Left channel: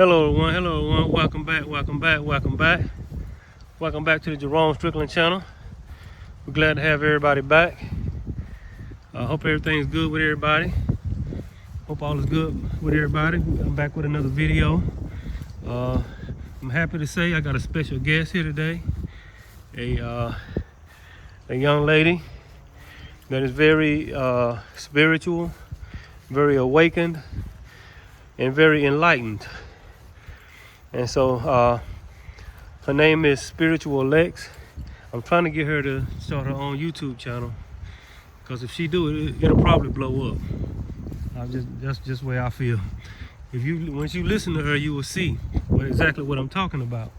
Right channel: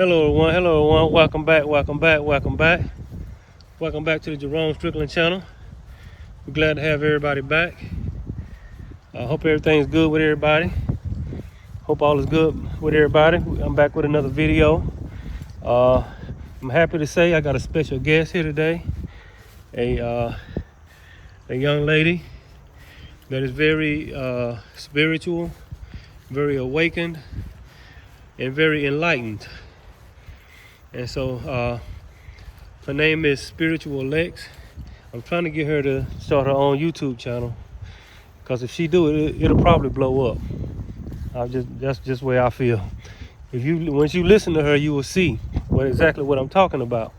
Hello everyone, welcome back to the Jerome Strickland channel. We're glad to have everybody back. I hope everything's good with everybody. Hope all is good with everybody. I'm back with another video. I'm happy to say I got a special guest here today. A young lady that is very spiritual, very awakened, and very enlightened. And so her name is Spiritual Lexx. I'm trying to get her to start her own YouTube channel, because if she do it, it'll probably blow up. That's just the way I feel. Once you listen to her, you will see exactly what I'm talking about.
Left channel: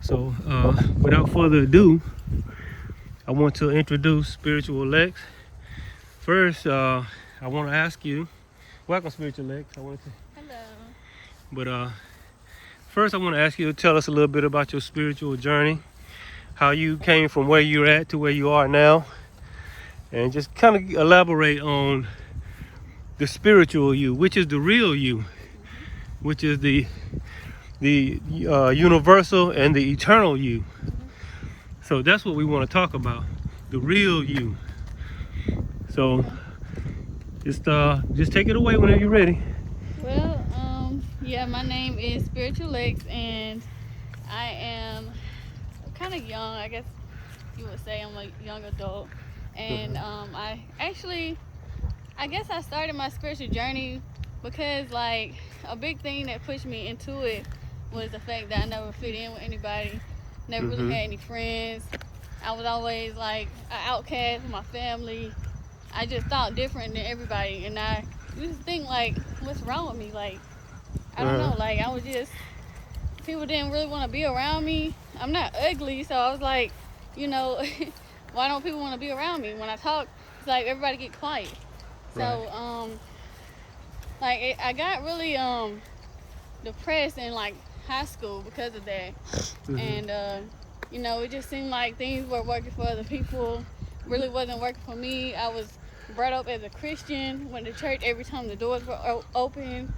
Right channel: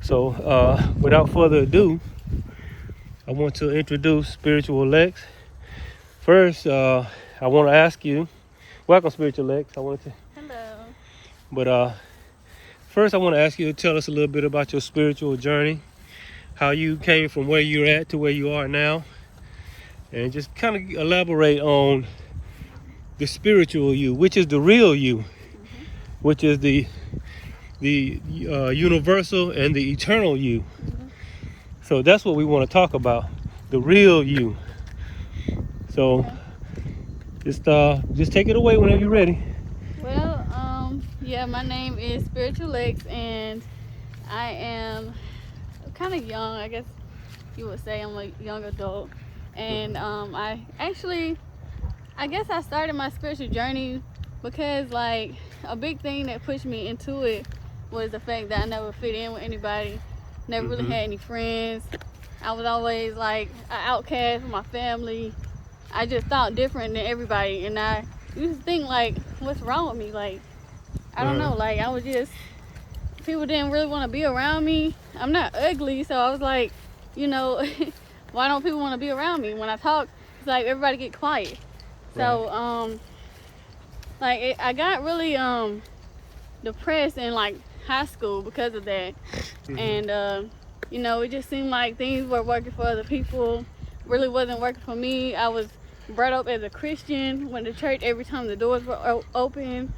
So without further ado, I want to introduce Spiritual Lexx. First, I want to ask you, welcome Spiritual Lexx. Hello. But first, I want to ask you to tell us a little bit about your spiritual journey, how you came from where you're at to where you are now, and just kind of elaborate on the spiritual you, which is the real you, which is the universal and the eternal you. So that's what we want to talk about, the real you. So just take it away whenever you're ready. Well, yeah, my name is Spiritual Lexx, and I am kind of young. I guess you would say I'm a young adult. And I guess I started my spiritual journey because, like, a big thing that pushed me into it was the fact that I never fit in with anybody, never really had any friends. I was always like an outcast with my family. I just thought different than everybody, and I used to think, like, what's wrong with me? Like, I don't know, like, I was just, people didn't really want to be around me. I'm not ugly, so I was like, you know, why don't people want to be around me? When I talk, it's like everybody get quiet. So, I got really depressed in, like, high school because of that. And, you know, it just seemed like things were working for other people, really wasn't working for me. I was brought up as a Christian, went to church every time the doors were open.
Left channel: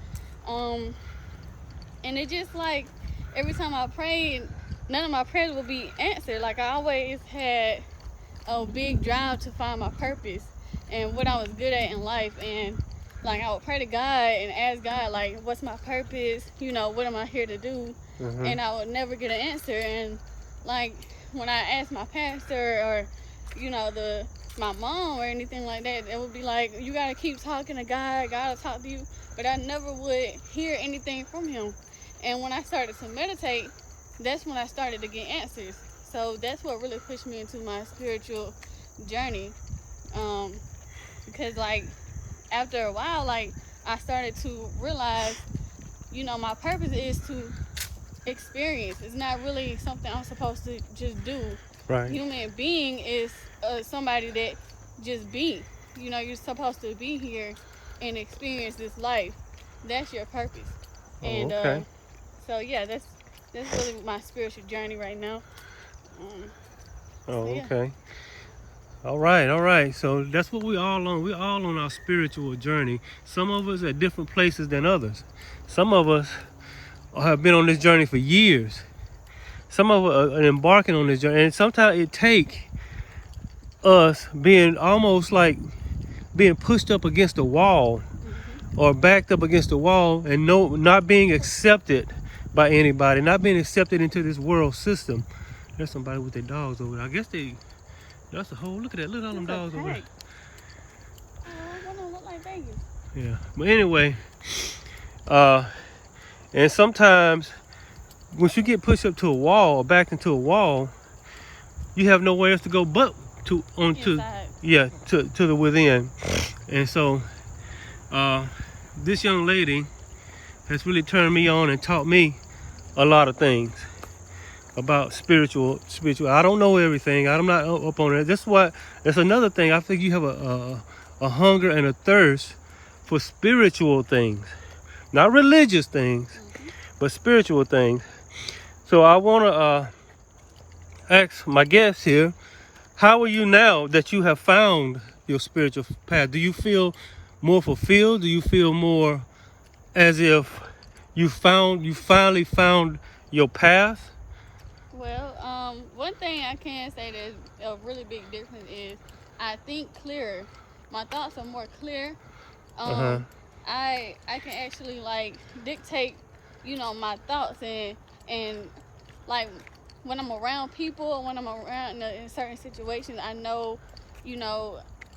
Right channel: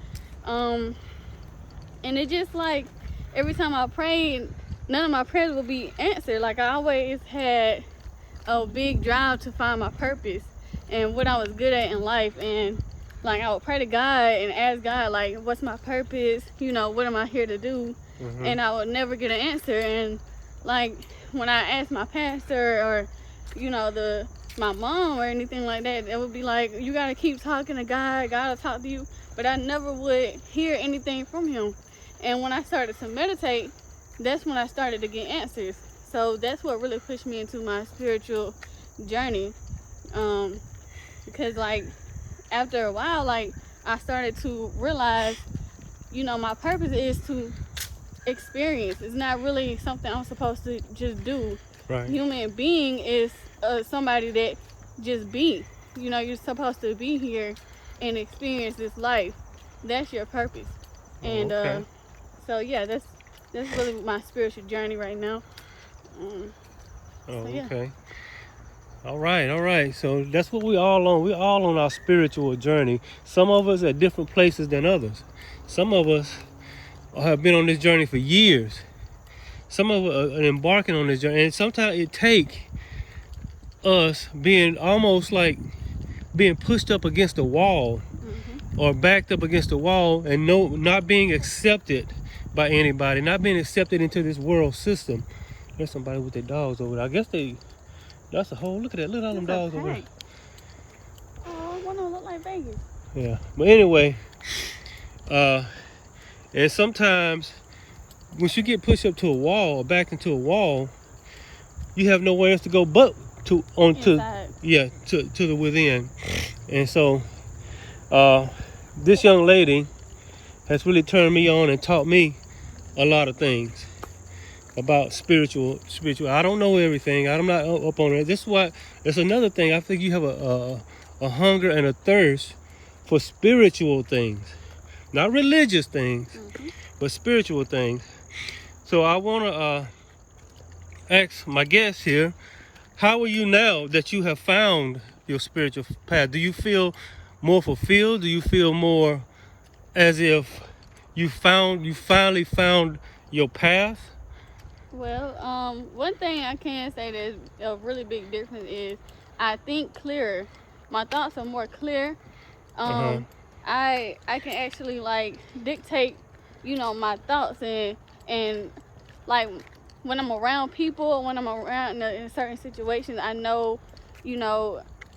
And it just, like, every time I prayed, none of my prayers would be answered. Like, I always had a big drive to find my purpose and what I was good at in life. And, like, I would pray to God and ask God, like, what's my purpose? You know, what am I here to do? And I would never get an answer. And, like, when I asked my pastor or, you know, my mom or anything like that, it would be like, you got to keep talking to God. God will talk to you. But I never would hear anything from him. And when I started to meditate, that's when I started to get answers. So that's what really pushed me into my spiritual journey. Because, like, after a while, like, I started to realize, you know, my purpose is to experience. It's not really something I'm supposed to just do. Right. Human being is somebody that just be. You know, you're supposed to be here and experience this life. That's your purpose. And so yeah, that's really my spiritual journey right now. Okay. All right. So that's what we all on. We're all on our spiritual journey. Some of us at different places than others. Some of us have been on this journey for years. Some of us are embarking on this journey, and sometimes it takes us being almost like being pushed up against a wall or backed up against the wall and not being accepted by anybody, not being accepted into this world system. There's somebody with their dogs over there. I guess that's a whole, look at all them dogs over there. Oh, one of them look like babies. Yeah, but anyway, and sometimes once you get pushed up to a wall or back into a wall, you have nowhere else to go but to the within. And so this young lady has really turned me on and taught me a lot of things about spiritual. I don't know everything. I'm not up on it. That's another thing. I think you have a hunger and a thirst for spiritual things, not religious things, but spiritual things. So I want to ask my guest here, how are you now that you have found your spiritual path? Do you feel more fulfilled? Do you feel more as if you finally found your path? Well, one thing I can say that is a really big difference is I think clearer. My thoughts are more clear. I can actually like dictate, my thoughts and like when I'm around people, when I'm around in certain situations, I know,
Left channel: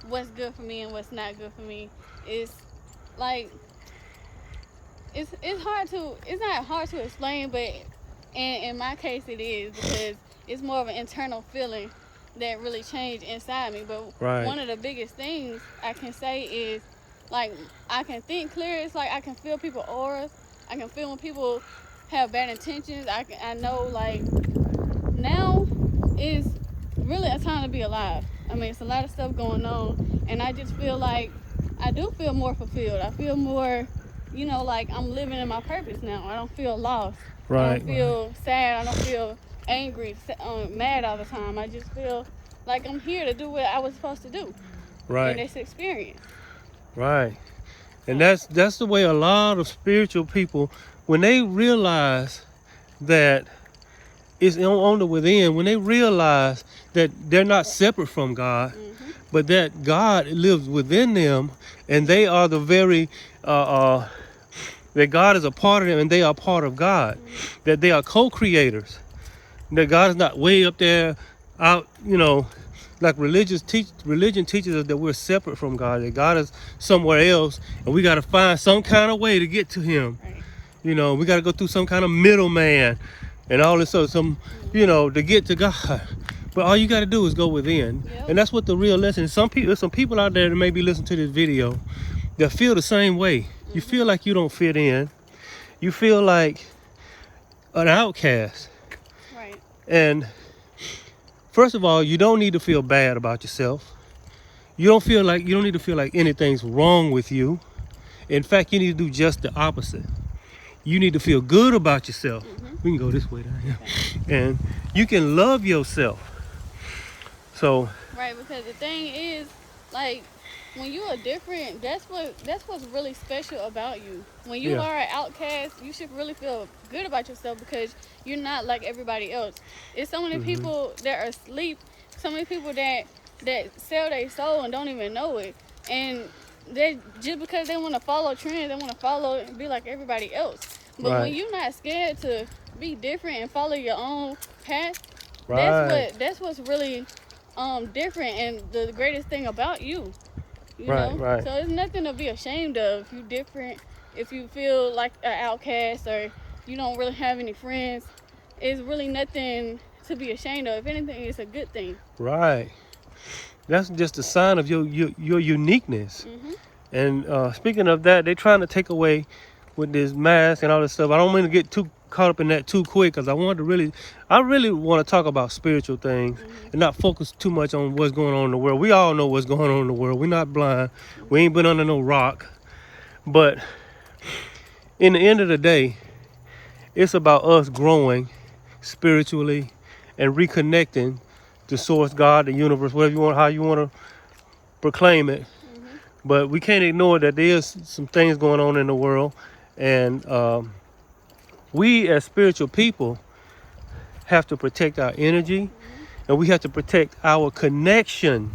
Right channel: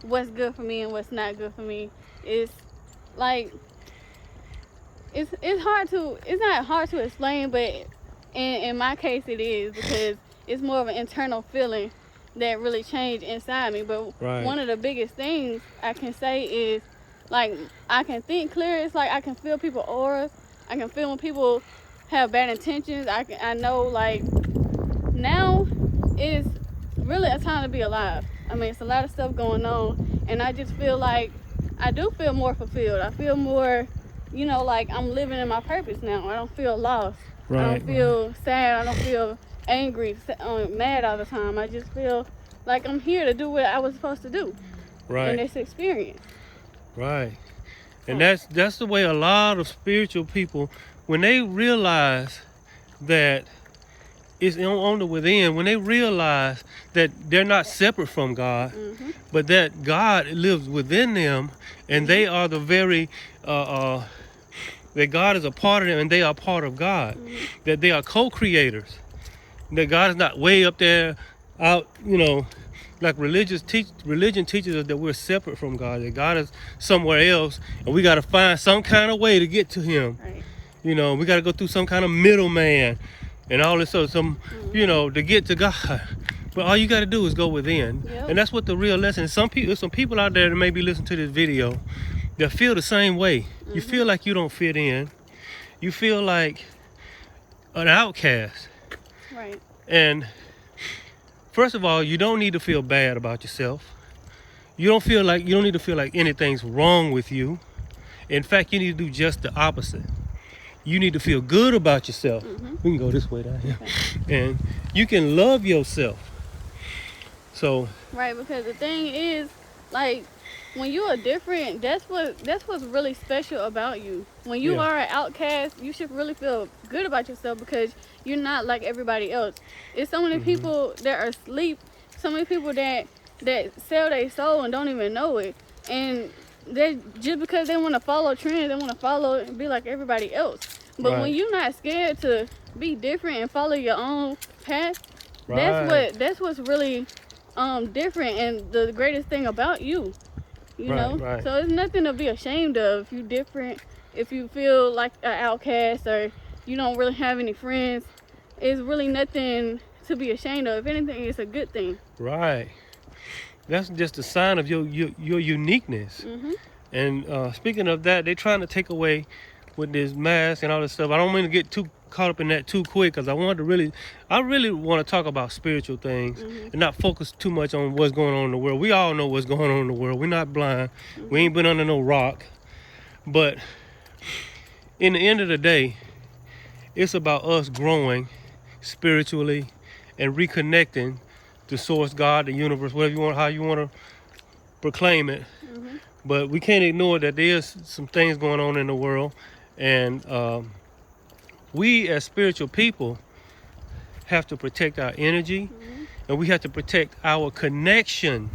what's good for me and what's not good for me. It's like it's not hard to explain, but in my case it is, because it's more of an internal feeling that really changed inside me. But one of the biggest things I can say is, like, I can think clear. It's like I can feel people's aura. I can feel when people have bad intentions. I know, like, now is really a time to be alive. I mean, it's a lot of stuff going on, and I just feel like I do feel more fulfilled. I feel more, like I'm living in my purpose now. I don't feel lost. I don't feel sad. I don't feel angry, mad all the time. I just feel like I'm here to do what I was supposed to do in this experience. Right. And that's the way a lot of spiritual people, when they realize that it's on the within, when they realize that they're not separate from God, but that God lives within them, and they are the very that God is a part of them and they are part of God, that they are co-creators, that God is not way up there out, like religion teaches us that we're separate from God, that God is somewhere else, and we got to find some kind of way to get to him. We got to go through some kind of middleman and all this stuff, to get to God. But all you got to do is go within. And that's what the real lesson is. Some people out there that may be listening to this video that feel the same way. You feel like you don't fit in. You feel like an outcast. And first of all, you don't need to feel bad about yourself. You don't need to feel like anything's wrong with you. In fact, you need to do just the opposite. You need to feel good about yourself. We can go this way down here. And you can love yourself. So because the thing is, like, when you are different, that's what's really special about you. When you are an outcast, you should really feel good about yourself, because you're not like everybody else. It's so many people that are asleep, so many people that sell their soul and don't even know it. And they just because they want to follow trends, they want to follow and be like everybody else. But when you're not scared to be different and follow your own path, that's what's really different and the greatest thing about you. You know? So it's nothing to be ashamed of. If you're different, if you feel like an outcast, or you don't really have any friends, it's really nothing to be ashamed of. If anything, it's a good thing. That's just a sign of your uniqueness. And speaking of that, they're trying to take away with this mask and all this stuff. I don't mean to get too caught up in that too quick, because I really want to talk about spiritual things and not focus too much on what's going on in the world. We all know what's going on in the world. We're not blind. We ain't been under no rock. But in the end of the day, it's about us growing spiritually and reconnecting to source, God, the universe, how you want to proclaim it. But we can't ignore that there's some things going on in the world, and we as spiritual people have to protect our energy, and we have to protect our connection.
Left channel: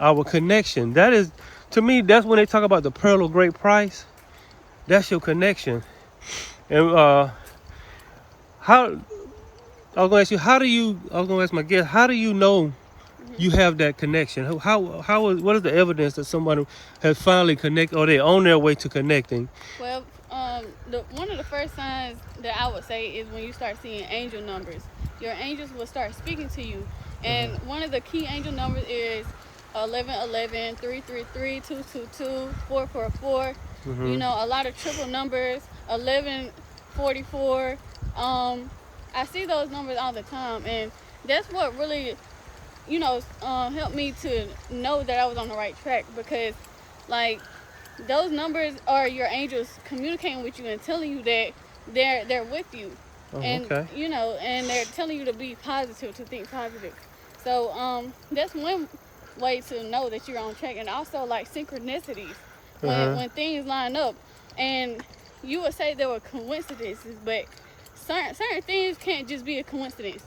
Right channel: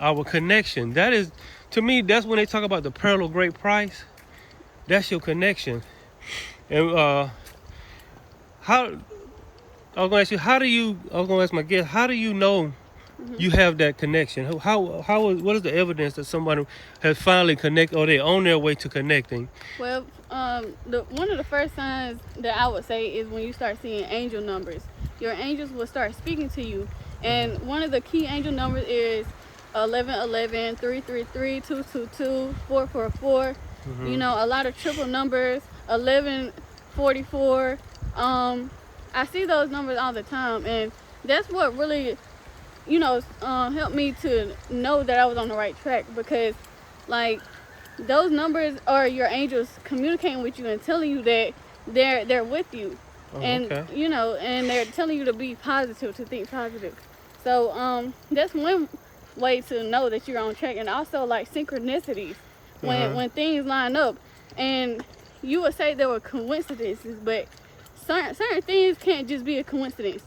Our connection. That is, to me, that's when they talk about the pearl of great price. That's your connection. And I was going to ask you, I was going to ask my guest, how do you know you have that connection? What is the evidence that somebody has finally connected, or they're on their way to connecting? Well, one of the first signs that I would say is when you start seeing angel numbers. Your angels will start speaking to you. And one of the key angel numbers is 1111, 333, 222, 444. A lot of triple numbers, 1144. I see those numbers all the time, and that's what really, helped me to know that I was on the right track, because, like, those numbers are your angels communicating with you and telling you that they're with you, and and they're telling you to be positive, to think positive. So that's one way to know that you're on track. And also, like, synchronicities, when things line up. And you would say there were coincidences, but certain things can't just be a coincidence.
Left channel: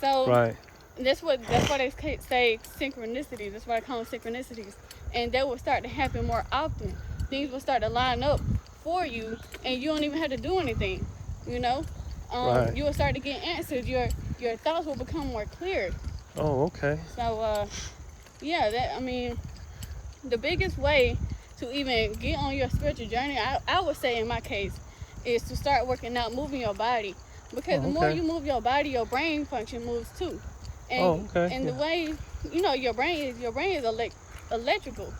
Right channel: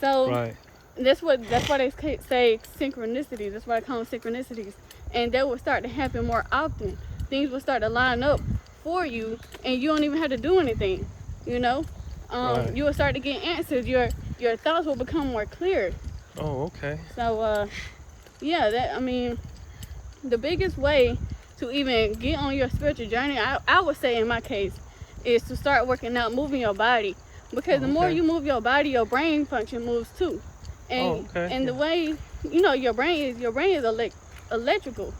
So Right. that's why they say synchronicities. That's why I call them synchronicities. And that will start to happen more often. Things will start to line up for you, and you don't even have to do anything. You know, Right. you will start to get answers. Your thoughts will become more clear. Oh, okay. So yeah, the biggest way to even get on your spiritual journey, I would say in my case, is to start working out, moving your body. Because the more you move your body, your brain function moves too. And and the way your brain is electrical.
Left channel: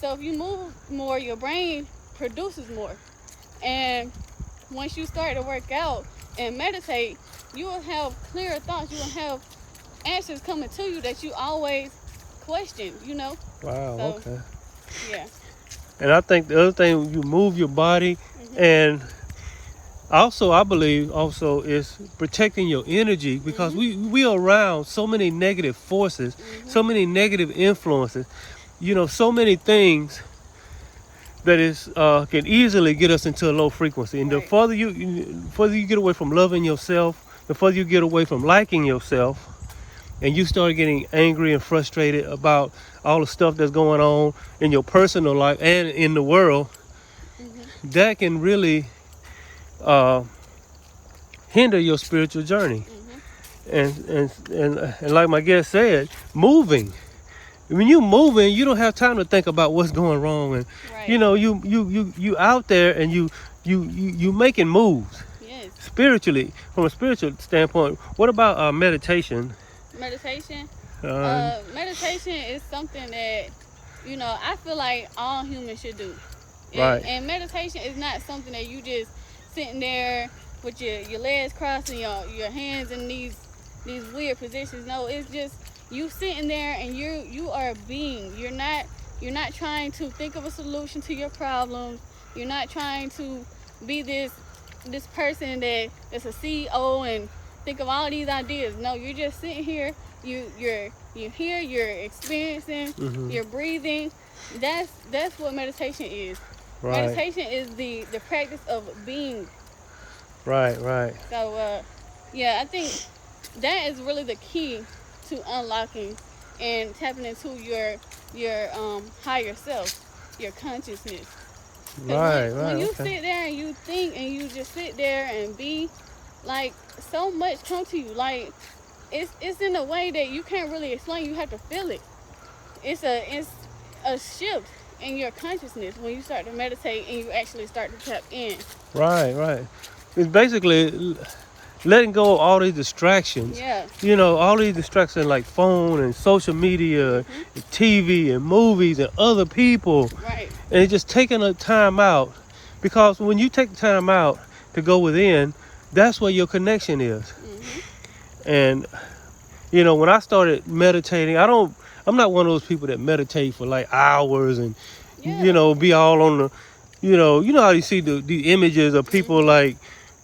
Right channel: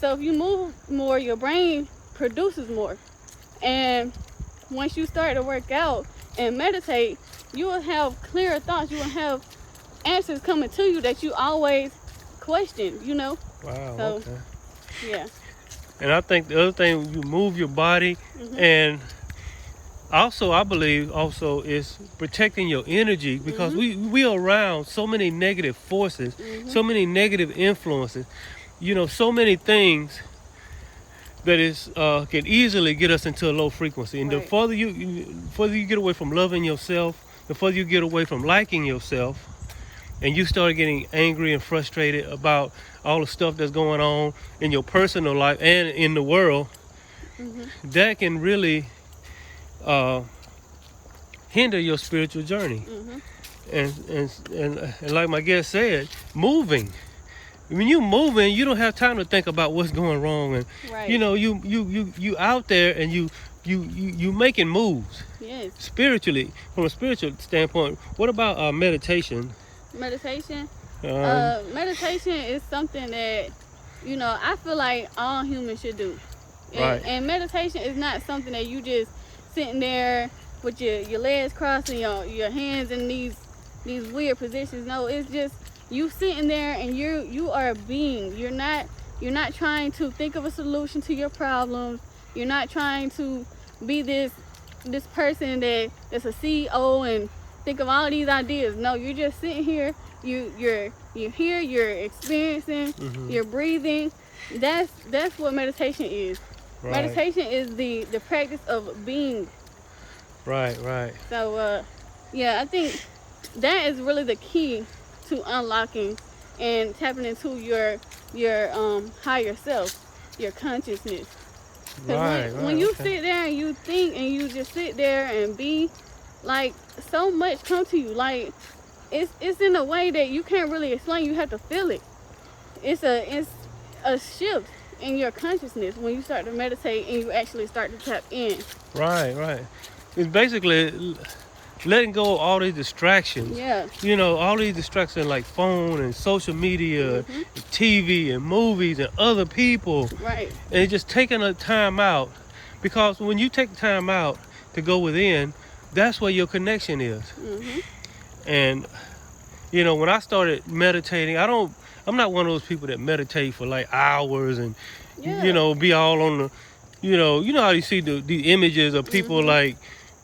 So if you move more, your brain produces more. And once you start to work out and meditate, you will have clearer thoughts. You will have answers coming to you that you always questioned. Wow. So, Okay. yeah. And I think the other thing, you move your body, and also I believe also is protecting your energy, because we are around so many negative forces, so many negative influences, so many things that is can easily get us into a low frequency. And the further you get away from loving yourself, the further you get away from liking yourself, and you start getting angry and frustrated about all the stuff that's going on in your personal life and in the world, that can really hinder your spiritual journey. And like my guest said, moving. When you moving, you don't have time to think about what's going wrong, and you out there, and you making moves. Yes. Spiritually, from a spiritual standpoint. What about meditation? Meditation. Meditation is something that I feel like all humans should do. And meditation is not something that you just sitting there with your legs crossed and your hands in these weird positions. No, it's just you sitting there and you are a being. You're not trying to think of a solution to your problems. You're not trying to be this person that's a CEO and think of all these ideas. No, you're just sitting here. You're here. You're experiencing. You're breathing. That's what meditation is. Right. Meditation is the practice of being. Right. So yeah, I think that is really the key to unlocking and tapping into your higher self, your consciousness. When you sit there and you think and you just sit there and be, like, so much comes to you. Like, it's in a way that you can't really explain. You have to feel it. It's a shift in your consciousness when you start to meditate and you actually start to tap in. Right. It's basically letting go of all these distractions. Yeah. All these distractions like phone and social media, and TV and movies and other people. Right. And just taking a time out, because when you take time out to go within, that's where your connection is. And when I started meditating, I'm not one of those people that meditate for like hours and be all on the how you see the images of people like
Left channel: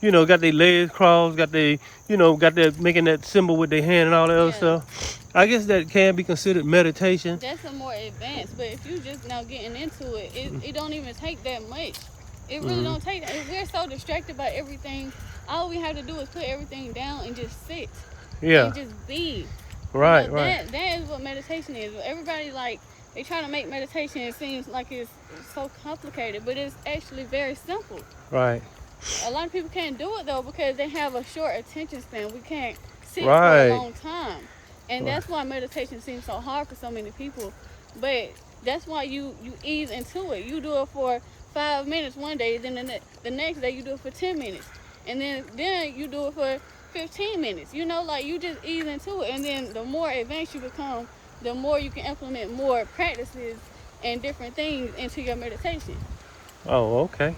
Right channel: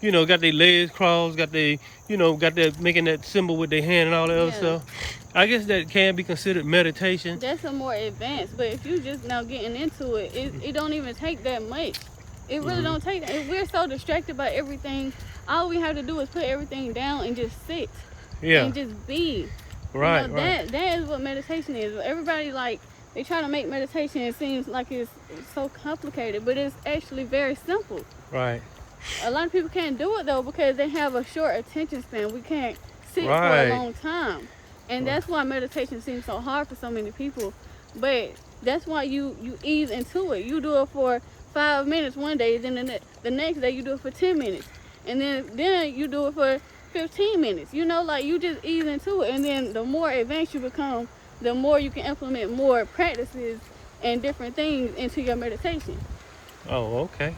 got their legs crossed, got that making that symbol with their hand and all that other stuff. I guess that can be considered meditation. That's a more advanced, but if you just now getting into it, it don't even take that much. It really don't take that. We're so distracted by everything. All we have to do is put everything down and just sit. And just be. Right. That is what meditation is. Everybody, like, they try to make meditation, it seems like it's so complicated, but it's actually very simple. Right. A lot of people can't do it though because they have a short attention span. We can't sit for a long time. And that's why meditation seems so hard for so many people. But that's why you ease into it. You do it for 5 minutes one day, then the next day you do it for 10 minutes. And then you do it for 15 minutes. Like, you just ease into it. And then the more advanced you become, the more you can implement more practices and different things into your meditation. Oh, okay.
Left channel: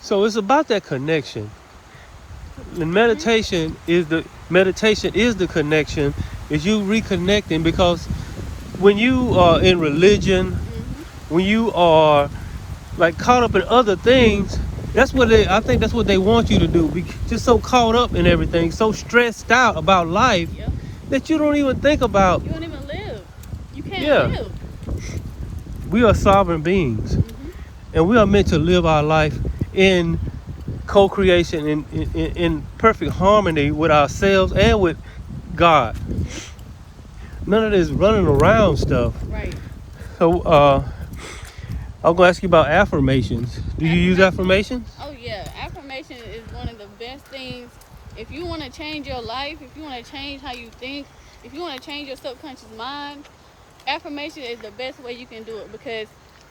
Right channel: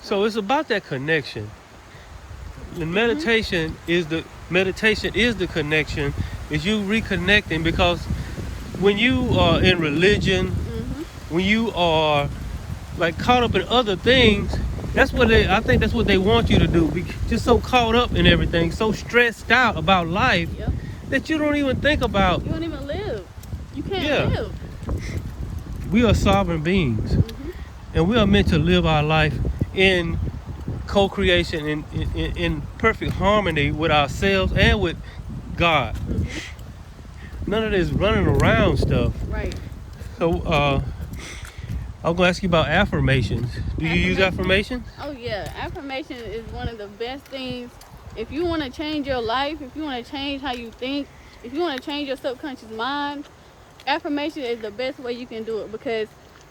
So it's about that connection. The meditation is the connection. Is you reconnecting, because when you are in religion, when you are like caught up in other things, I think that's what they want you to do. Be just so caught up in everything, so stressed out about life that you don't even think about. You don't even live. You can't live. We are sovereign beings. and we are meant to live our life in co-creation, in perfect harmony with ourselves and with God. None of this running around stuff. Right. So I'm gonna ask you about affirmations. Do you use affirmations? Oh yeah, affirmation is one of the best things. If you want to change your life, if you want to change how you think, if you want to change your subconscious mind, affirmation is the best way you can do it. Because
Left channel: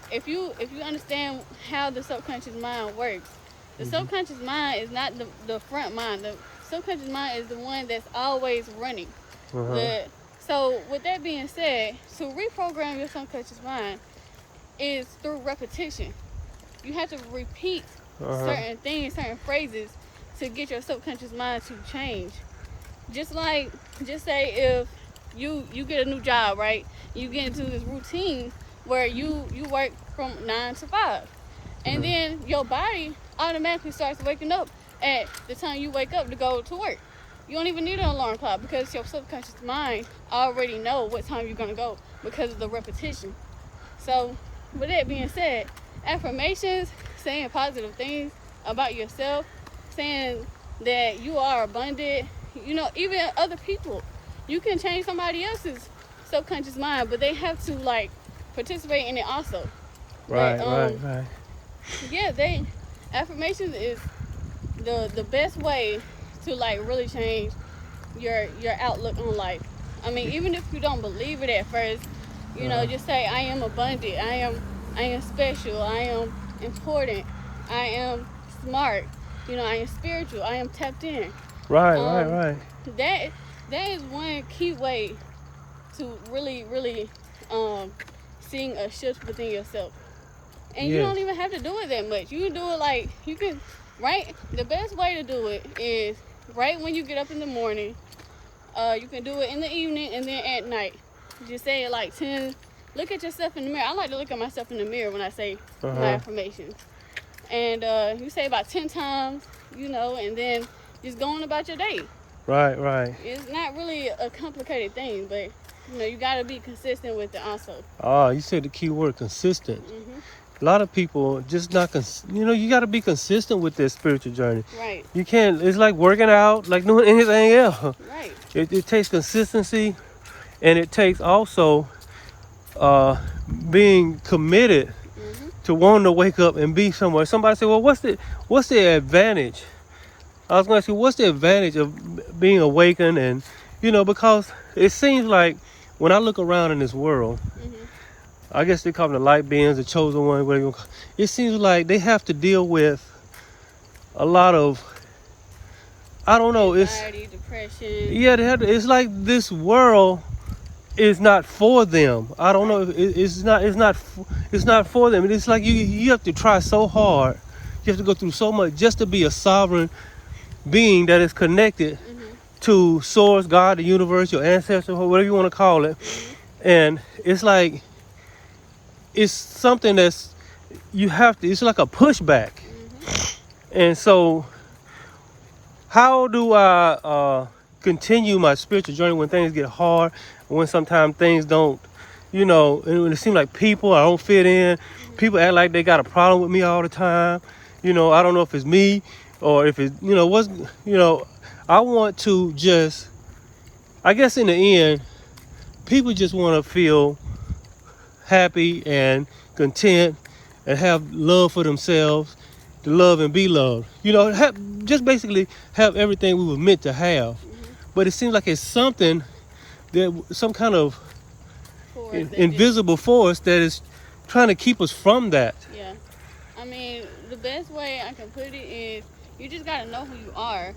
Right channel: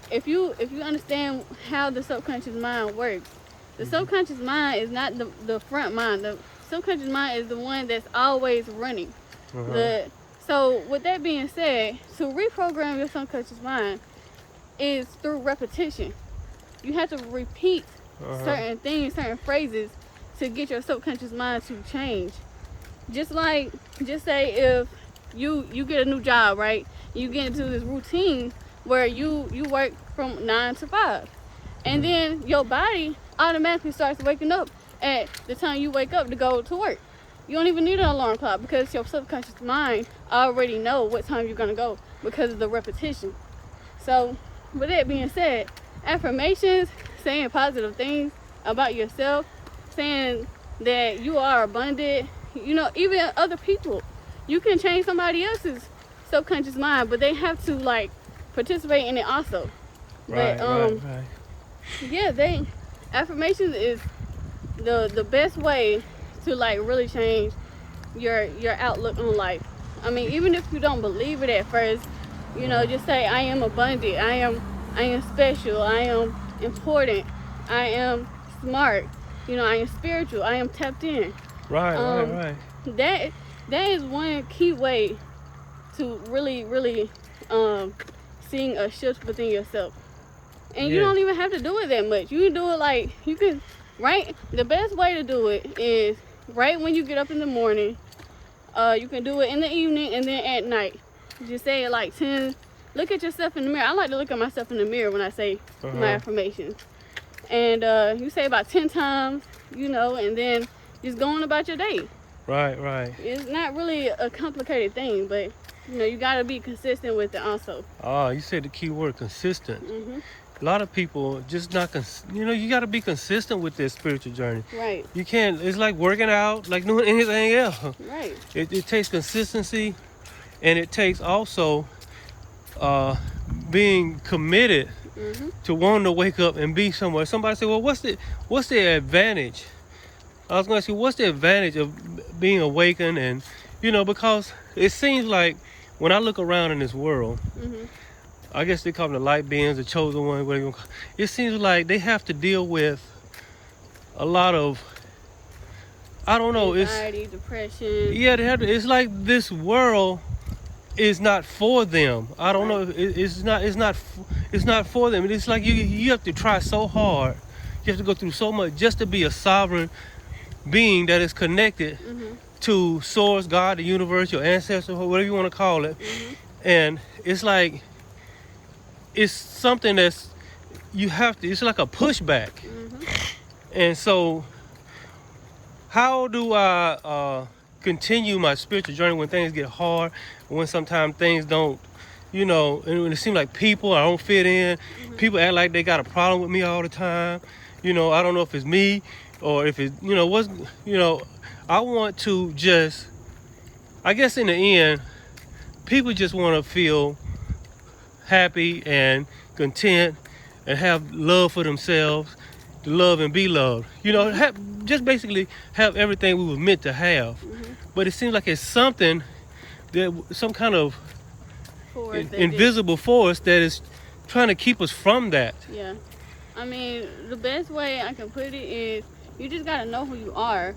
if you understand how the subconscious mind works, the subconscious mind is not the front mind. The subconscious mind is the one that's always running. So with that being said, to reprogram your subconscious mind is through repetition. You have to repeat certain things, certain phrases to get your subconscious mind to change. Just say if you get a new job, right? You get into this routine where you work from 9 to 5. And then your body automatically starts waking up at the time you wake up to go to work. You don't even need an alarm clock because your subconscious mind already know what time you're going to go because of the repetition. So with that being said, affirmations, saying positive things about yourself, saying that you are abundant, even other people. You can change somebody else's subconscious mind, but they have to participate in it also. Right. Yeah, affirmations is the best way to really change your outlook on life. I mean, even if you don't believe it at first, just say I am abundant, I am special, I am important, I am smart, I am spiritual, I am tapped in. Right. That is one key way to really seeing a shift within yourself. And you don't even have to do it that much. You can do it the best way to do it is right when you get up in the morning. You can do it in the evening and then at night. You say it 10. Look at yourself in the mirror. I like to look at myself in the mirror when I say my affirmations. And you say about 10 times, and then just going about your day. Right. It's not really a complicated thing, but you got to be consistent with it also. Oh, you said the key word, consistent. A lot of people just not, you got to be consistent with their spiritual journey. Right. You can't, it's like working out, like doing anything else. Right. It takes consistency, and it takes also being committed to wanting to wake up and be somewhere. Somebody said, well, what's the advantage? I was going to ask you, what's the advantage of being awakened? And, because it seems like when I look around in this world, I guess they call them the light beings, the chosen one, whatever you want to call it. It seems like they have to deal with a lot of, I don't know, anxiety, depression. Yeah, they have to, it's like this world is not for them. I don't know. It's not for them. It's like you have to try so hard. You have to go through so much just to be a sovereign being that is connected to source, God, the universe, your ancestors, whatever you want to call it. And it's like, it's something that's, it's like a pushback. And so how do I continue my spiritual journey when things get hard, when sometimes things don't, and when it seems like I don't fit in, people act like they got a problem with me all the time. I don't know if it's me or if it's, I want to just, I guess in the end, people just want to feel happy and content and have love for themselves, to love and be loved. Just basically have everything we were meant to have. But it seems like it's something some kind of invisible force that is trying to keep us from that. Yeah. I mean, the best way I can put it is you just got to know who you are.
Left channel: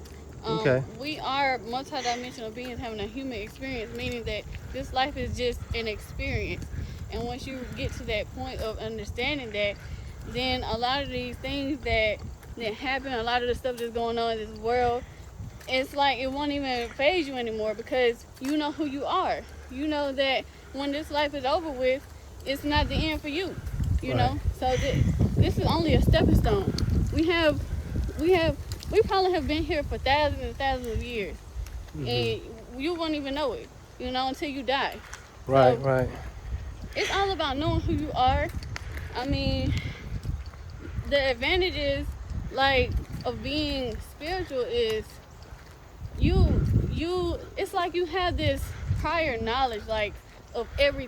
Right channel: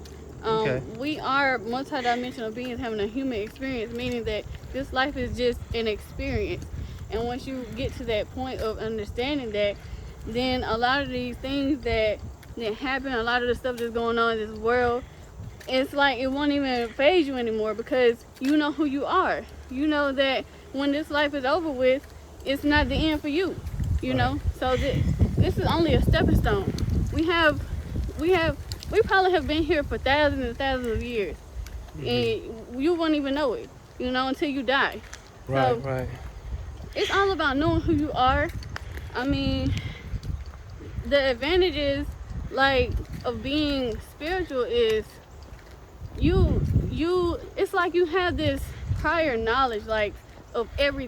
We are multidimensional beings having a human experience, meaning that this life is just an experience. And once you get to that point of understanding that, then a lot of these things that happen, a lot of the stuff that's going on in this world, it's like it won't even faze you anymore because you know who you are. You know that when this life is over with, it's not the end for you. You know, so this is only a stepping stone. We probably have been here for thousands and thousands of years, and you won't even know it, until you die. Right. It's all about knowing who you are. I mean, the advantages, like, of being spiritual is you it's like you have this prior knowledge, like, of everything.